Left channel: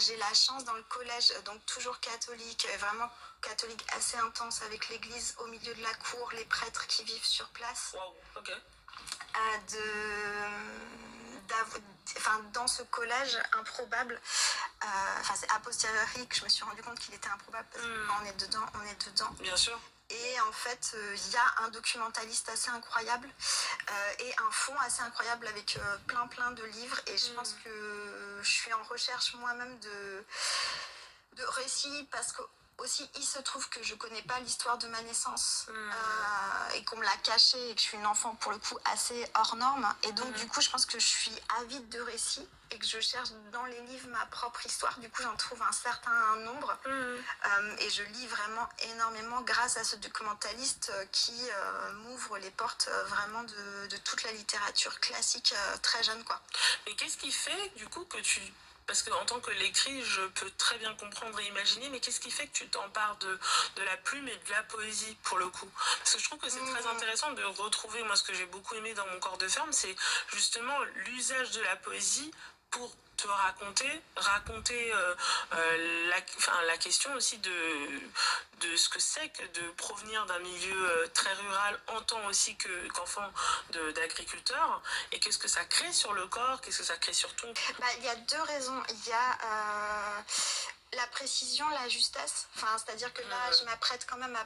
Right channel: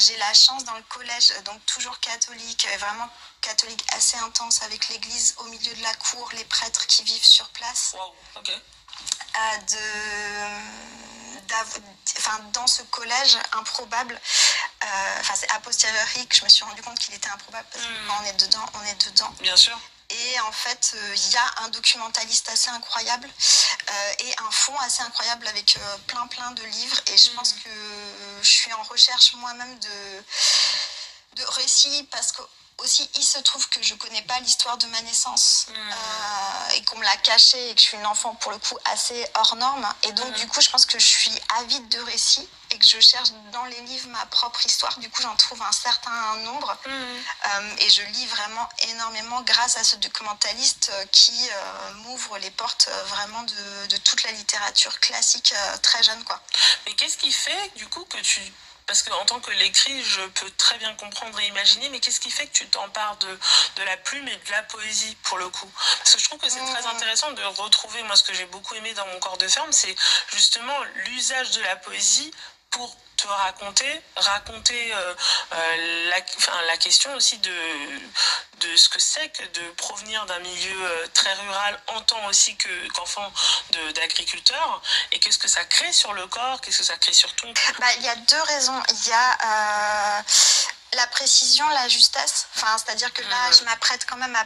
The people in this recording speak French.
j'ai la chance dans le collège, donc toujours catholique, vraiment catholique assez intense avec l'église au milieu de la cour, les prêtres qui vivent sur place. Wow, ok. Dans ce collège improbable, c'est a posteriori que je me suis rendu compte qu'il était improbable parce que quand on est dedans, on est dedans. Bien sûr. Et en fait, il y a un documentaliste assez incroyable et un fond assez incroyable avec plein de livres. Et je pense que je suis en recherche moi-même de récits parce que aussi il se trouve que je connais pas l'histoire de ma naissance et qu'on me l'a caché et que je suis une enfant pour le coup assez hors norme. Et donc du coup, je pense que je suis avide de récits et que je cherche dans les livres ma propre histoire. Du coup, j'en trouve un certain nombre et je lis vraiment énormément grâce à ce documentaliste qui m'ouvre les portes vraiment de toute la littérature classique très jeune, quoi. Mais qu'est-ce qui fait du coup que tu... Parce qu'en tant que lectrice, je peux très bien comprendre et imaginer, mais qu'est-ce qui fait que tu t'empares de la plume et de la poésie, pour le coup? Parce que je trouve que c'est très intéressant de retrouver, moi, ce que j'ai beaucoup aimé dans Mon corps de ferme, c'est justement l'usage de la poésie pour te raconter la question aussi de ce que c'est que de provenir d'un milieu très rural en tant aussi qu'enfant d'agriculteur, et qu'est-ce que ça crée sur le corps, qu'est-ce que ça crée sur ton... Il y a deux raisons. Il y a la précision, la justesse, c'est-à-dire que là, je m'apprête quand même à